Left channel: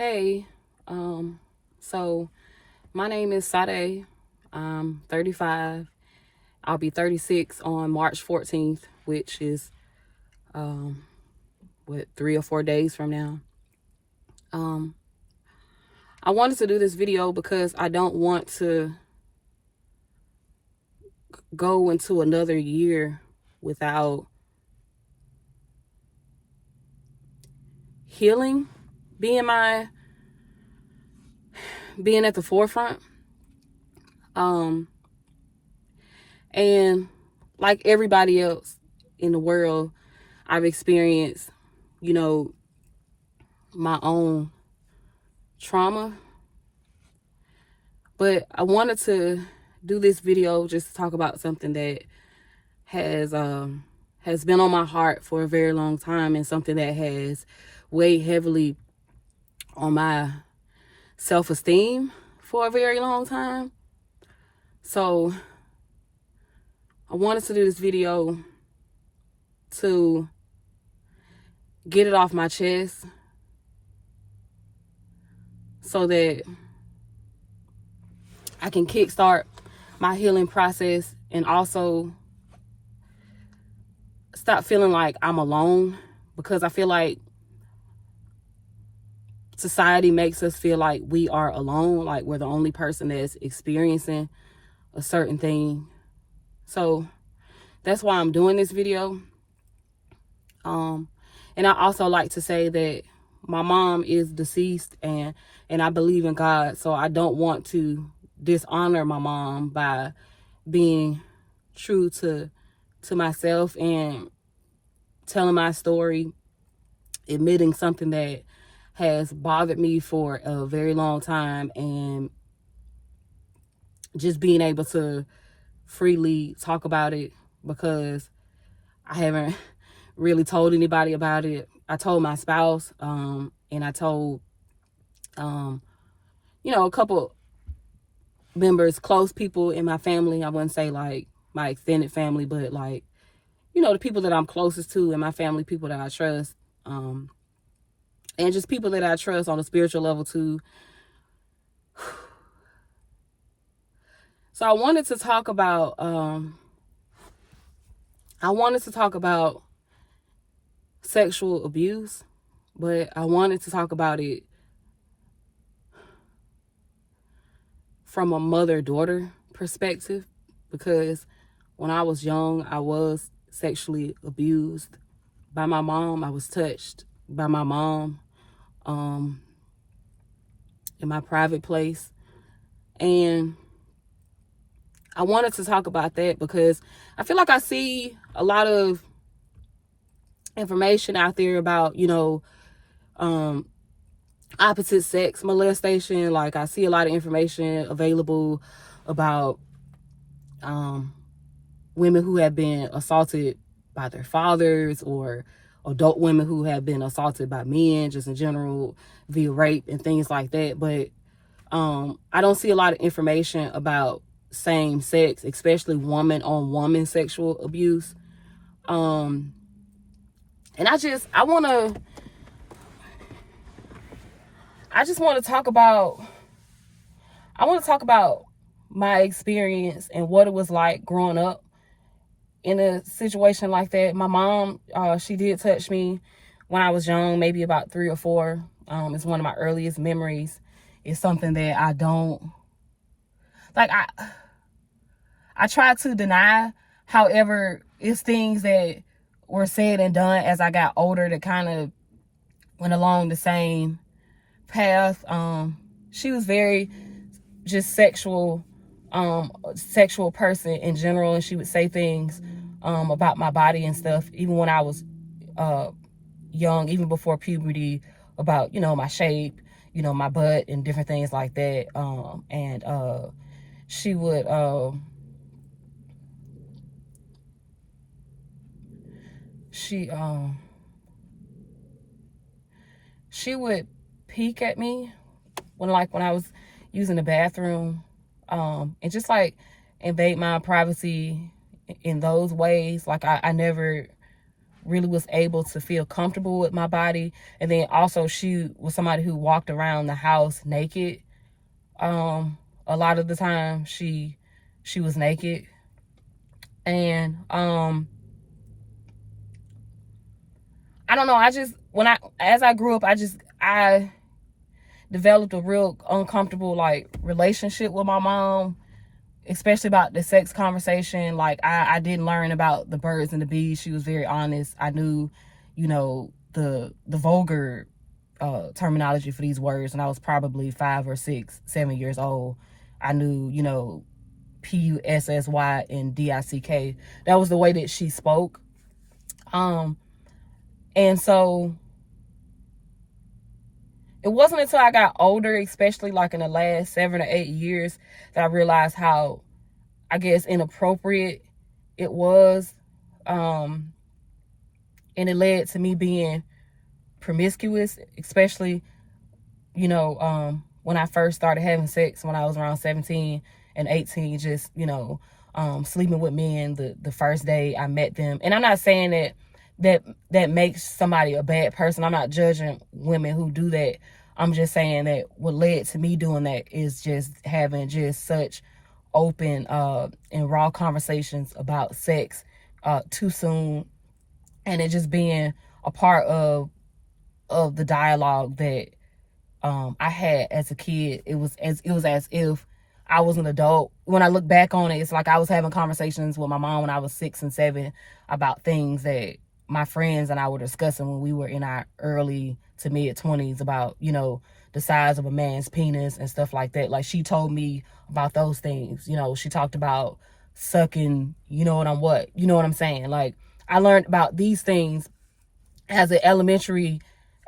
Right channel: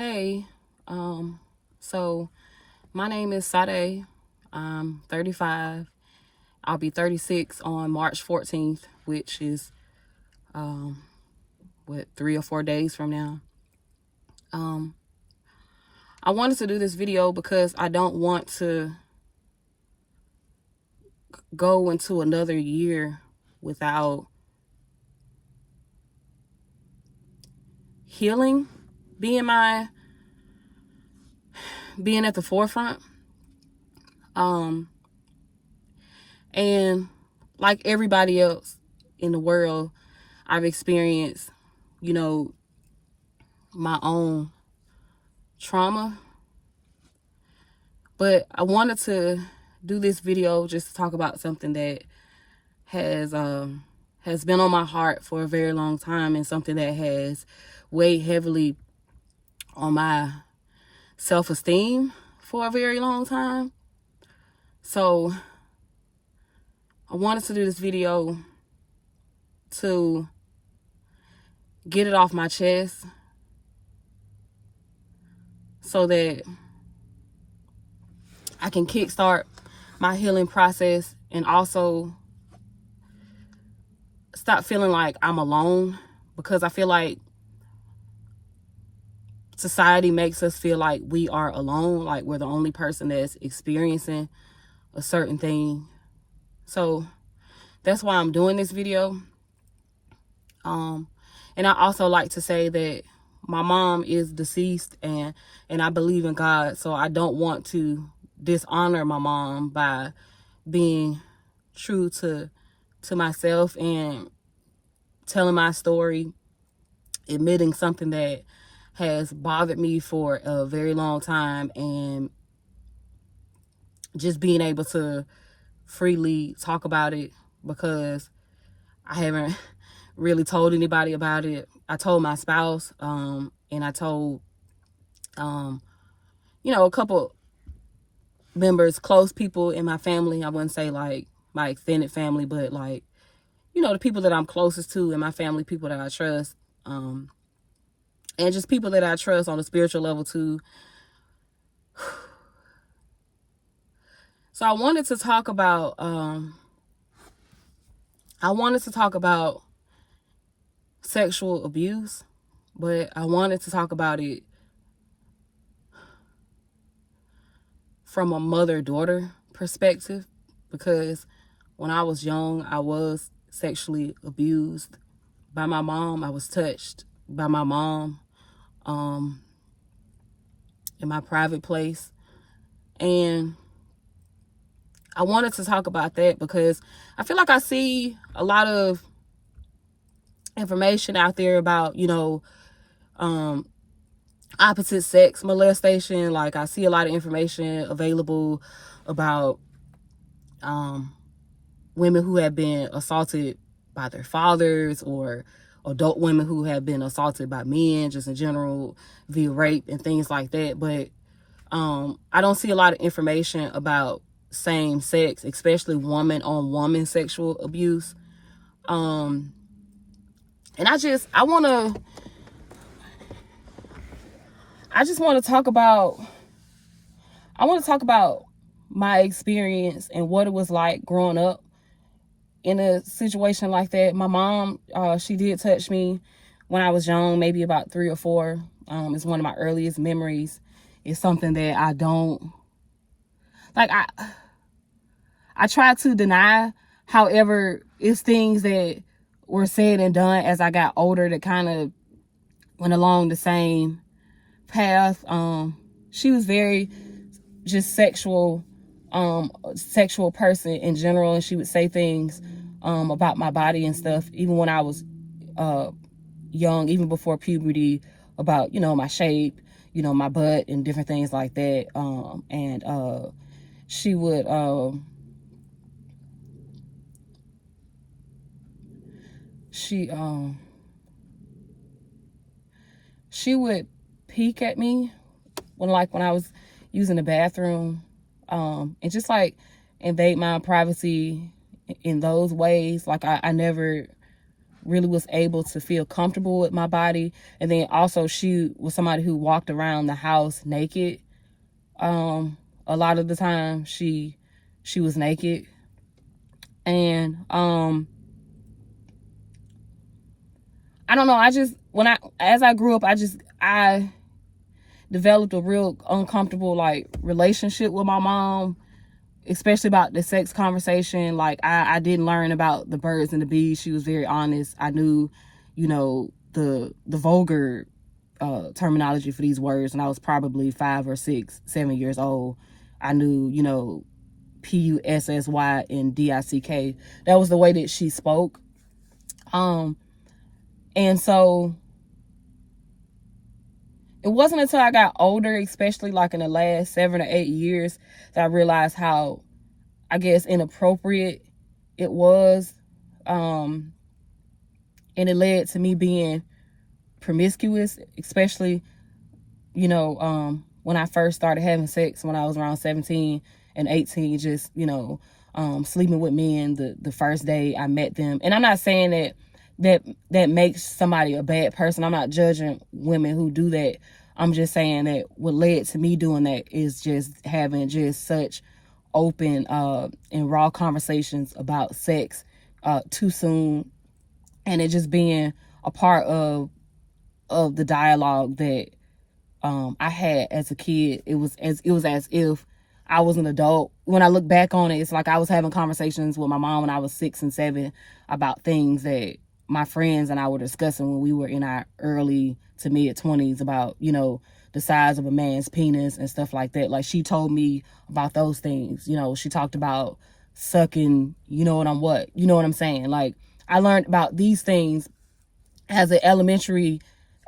Hey, so my name is Sade. I'm 35. I'll be 36 on March 14th, which is, 3 or 4 days from now. I wanted to do this video because I don't want to go into another year without healing being at the forefront. And like everybody else in the world, I've experienced, my own trauma. But I wanted to do this video just to talk about something that has been on my heart for a very long time, and something that has weighed heavily on my self-esteem for a very long time. So I wanted to do this video to get it off my chest so that I can kickstart my healing process and also stop feeling like I'm alone, because I feel like society makes us feel like we are alone, like we're the only person that's experiencing a certain thing. So that's why I'm doing this video. And I also like to say that my mom is deceased, and I believe in God, so I don't want to dishonor my mom by being true to myself and telling my story, admitting something that has bothered me for a very long time, and just being able to freely talk about it, because I haven't really told anybody about it. I told my spouse, and I told, a couple members, close people in my family. I wouldn't say like my extended family, but like, the people that I'm closest to in my family, people that I trust, and just people that I trust on a spiritual level too. So I wanted to talk about sexual abuse, but I wanted to talk about it from a mother-daughter perspective, because when I was young, I was sexually abused by my mom. I was touched by my mom in my private place. And I wanted to talk about that because I feel like I see a lot of information out there about, opposite sex molestation. Like, I see a lot of information available about women who have been assaulted by their fathers, or adult women who have been assaulted by men just in general via rape and things like that. But I don't see a lot of information about same sex, especially woman on woman sexual abuse. And I just want to talk about my experience and what it was like growing up in a situation like that. My mom, she did touch me when I was young, maybe about 3 or 4. It's one of my earliest memories. It's something that I don't like. I try to deny. However, it's things that were said and done as I got older that kind of went along the same path. She was very just sexual person in general, and she would say things about my body and stuff, even when I was young, even before puberty, about my shape, my butt and different things like that. And she would she would peek at me when I was using the bathroom, and just like invade my privacy in those ways. Like, I never really was able to feel comfortable with my body. And then also she was somebody who walked around the house naked. A lot of the time she was naked. And I don't know, as I grew up, I developed a real uncomfortable like relationship with my mom, especially about the sex conversation. Like I didn't learn about the birds and the bees. She was very honest. I knew, the vulgar terminology for these words, and I was probably 5 or 6, 7 years old. I knew, PUSSY and DICK. That was the way that she spoke. And so it wasn't until I got older, especially like in the last 7 or 8 years, that I realized how, I guess, inappropriate it was. And it led to me being promiscuous, especially, when I first started having sex when I was around 17 and 18, just, sleeping with men the first day I met them. And I'm not saying that makes somebody a bad person. I'm not judging women who do that. I'm just saying that what led to me doing that is just having just such open and raw conversations about sex too soon, and it just being a part of the dialogue that I had as a kid. It was as if I was an adult. When I look back on it, it's like I was having conversations with my mom when I was 6 and 7 about things that my friends and I were discussing when we were in our early to mid 20s about, the size of a man's penis and stuff like that. Like, she told me about those things. She talked about sucking, you know what I'm saying? Like, I learned about these things as an elementary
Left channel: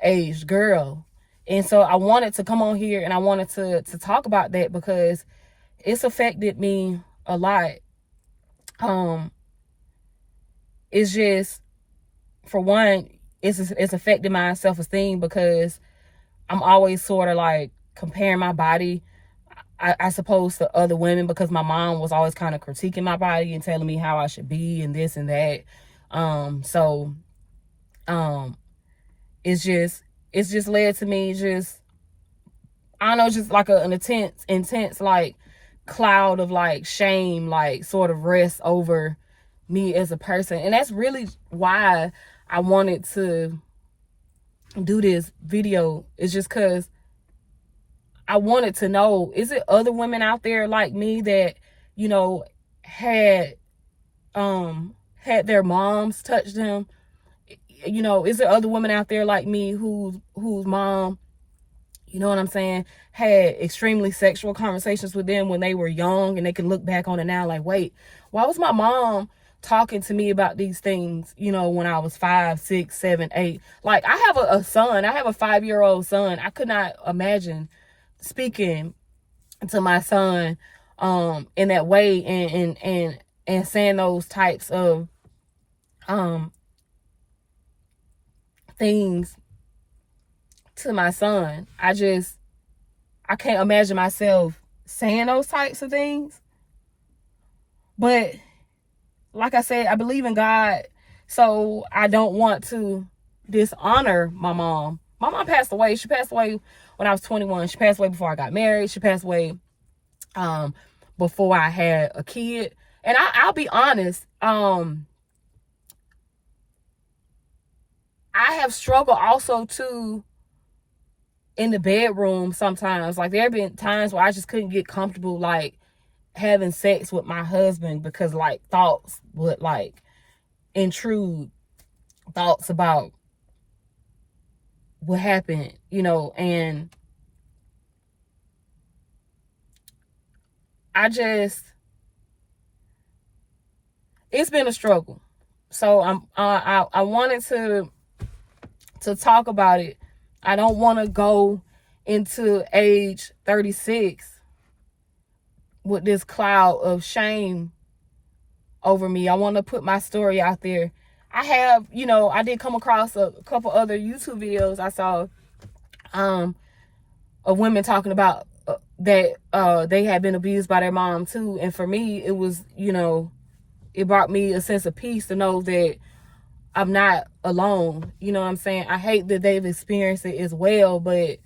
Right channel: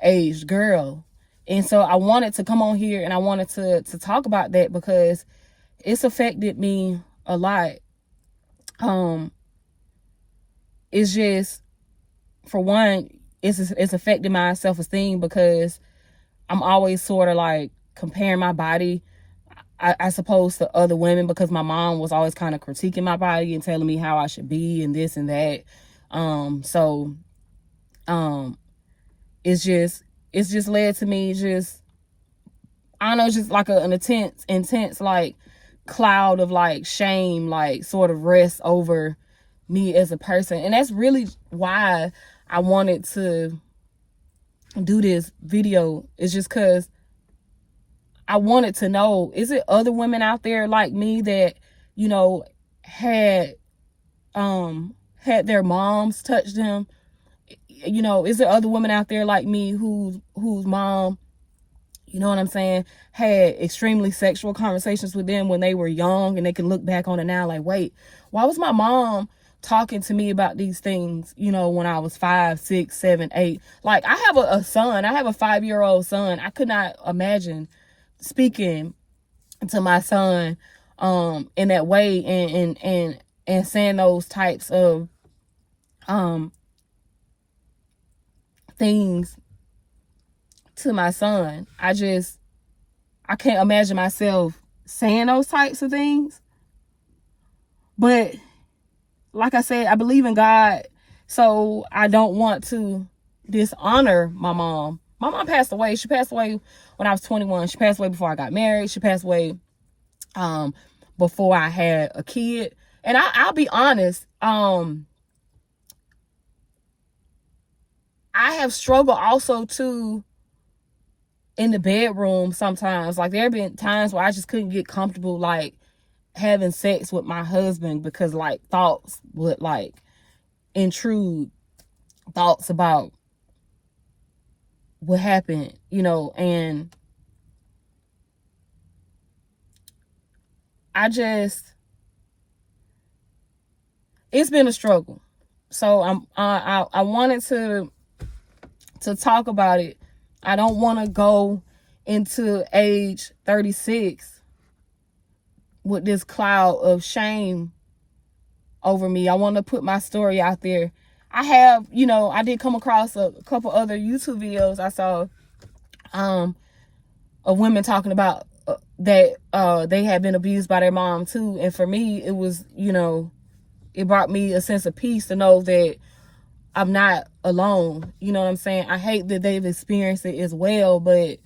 age girl. And so I wanted to come on here and I wanted to talk about that because it's affected me a lot. It's just, for one, it's affected my self-esteem because I'm always sort of like comparing my body, I suppose, to other women, because my mom was always kind of critiquing my body and telling me how I should be and this and that. It's just led to me just, I don't know, just like an intense like cloud of like shame, like sort of rests over me as a person. And that's really why I wanted to do this video. It's just because I wanted to know, is it other women out there like me that, had their moms touch them? Is there other women out there like me whose mom, you know what I'm saying, had extremely sexual conversations with them when they were young, and they can look back on it now like, wait, why was my mom talking to me about these things, when I was 5, 6, 7, 8? Like, I have a son. I have a 5-year-old son. I could not imagine speaking to my son in that way and saying those types of things to my son. I can't imagine myself saying those types of things. But like I said, I believe in God, so I don't want to dishonor my mom. My mom passed away. She passed away when I was 21. She passed away before I got married. She passed away before I had a kid. And I'll be honest, I have struggled also too in the bedroom sometimes. Like, there have been times where I just couldn't get comfortable like having sex with my husband because like thoughts would like intrude, thoughts about what happened, and it's been a struggle. So I wanted to talk about it. I don't want to go into age 36 with this cloud of shame over me. I want to put my story out there. I have, I did come across a couple other YouTube videos I saw of women talking about that they had been abused by their mom too. And for me, it was, it brought me a sense of peace to know that I'm not alone. You know what I'm saying? I hate that they've experienced it as well, but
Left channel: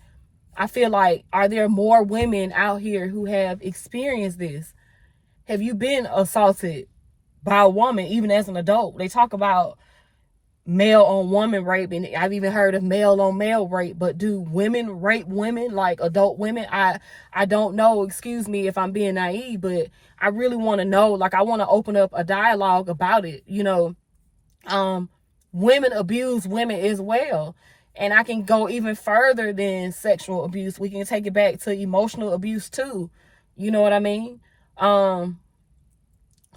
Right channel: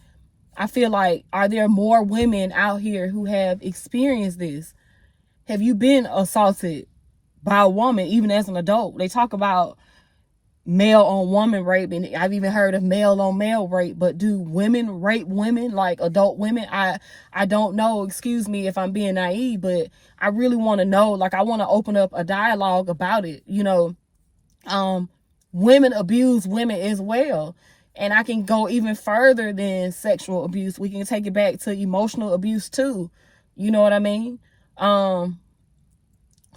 I feel like, are there more women out here who have experienced this? Have you been assaulted by a woman, even as an adult? They talk about male on woman rape, and I've even heard of male on male rape, but do women rape women, like adult women? I don't know. Excuse me if I'm being naive, but I really want to know. Like, I want to open up a dialogue about it. Women abuse women as well. And I can go even further than sexual abuse. We can take it back to emotional abuse too. You know what I mean?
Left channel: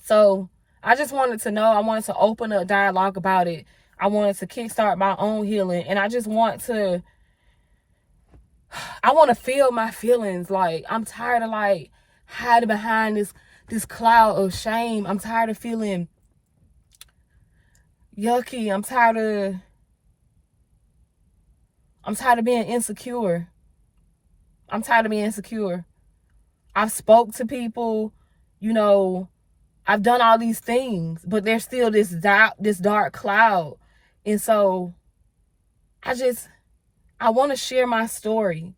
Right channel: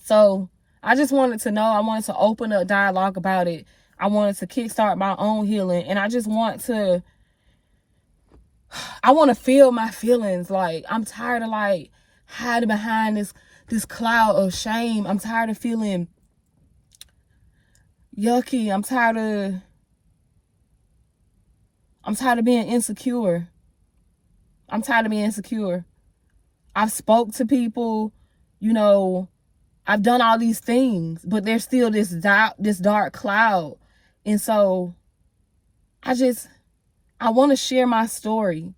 So I just wanted to know. I wanted to open a dialogue about it. I wanted to kickstart my own healing. And I just want to feel my feelings. Like, I'm tired of like hiding behind this cloud of shame. I'm tired of feeling yucky. I'm tired of being insecure. I'm tired of being insecure. I've spoke to people, I've done all these things, but there's still this dark cloud. And so I want to share my story.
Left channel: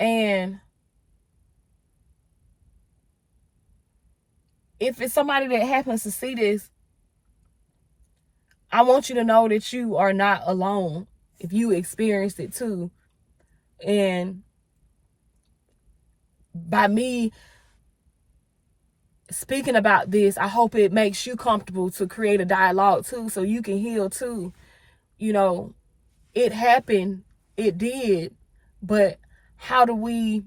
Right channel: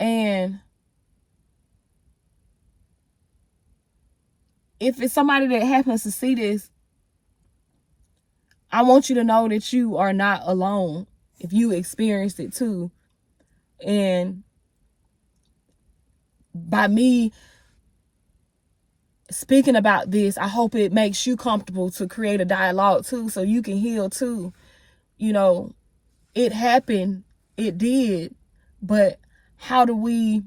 And if it's somebody that happens to see this, I want you to know that you are not alone if you experienced it too. And by me speaking about this, I hope it makes you comfortable to create a dialogue too, so you can heal too. It happened, it did, but how do we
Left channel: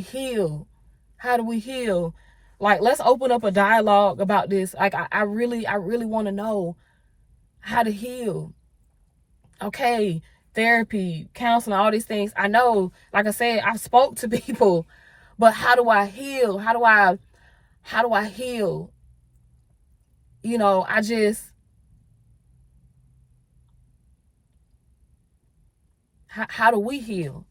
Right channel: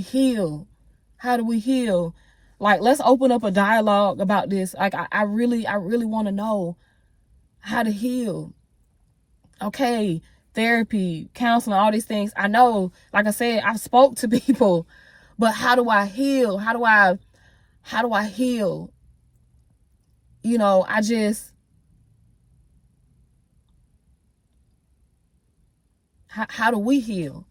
heal? How do we heal? Like, let's open up a dialogue about this. Like, I really want to know how to heal. Okay, therapy, counseling, all these things. I know, like I said, I spoke to people, but how do I heal? How do I heal? How do we heal?